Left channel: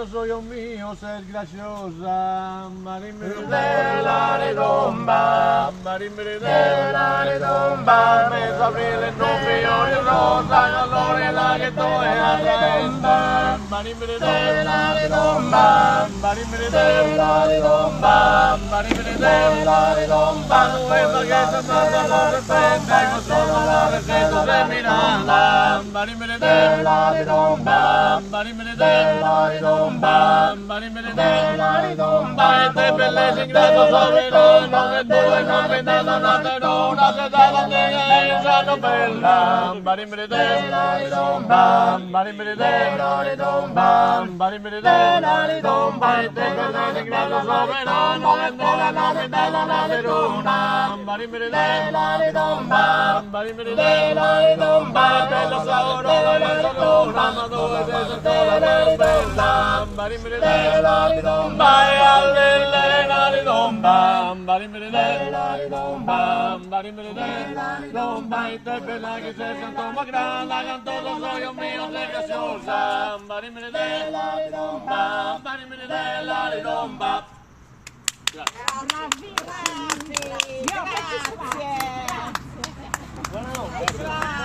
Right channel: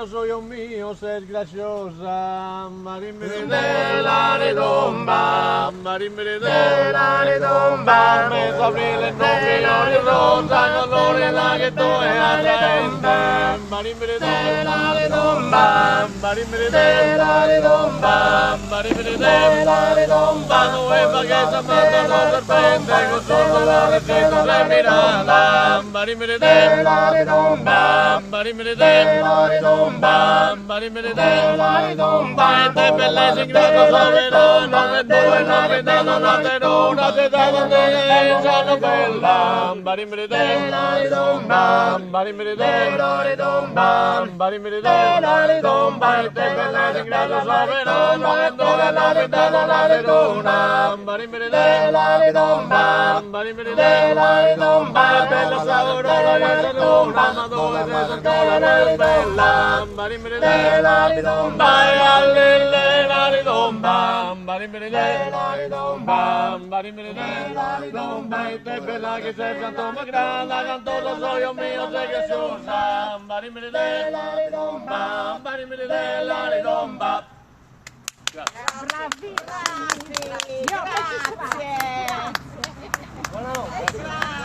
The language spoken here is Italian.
todo soy un mío, ser graciosa. De la redomba, De la redomba, me sapere il nome di rosa, non lo regale tu e la redomba. de la redomba, De la redomba, de la redomba, dove pagata per la redomba, con solo la redomba per Miranda. de la redomba, De la redomba, de la redomba, e te bella segreta la redomba, che dove la redomba non te dona, che te la dona, sono bella. de la redomba, De la redomba, de la redomba, e te bella segreta la redomba, che dove la redomba non te dona. de la redomba, De la redomba, bello saboroso, la redomba, ma dove te sento la bella. de la redomba, E alle la redomba, de la redomba, de la redomba, e te bella che sei tanto ma grande, con todo soy un mio, sei graziosa. De la redomba, de la redomba. Bravissimi! Grazie!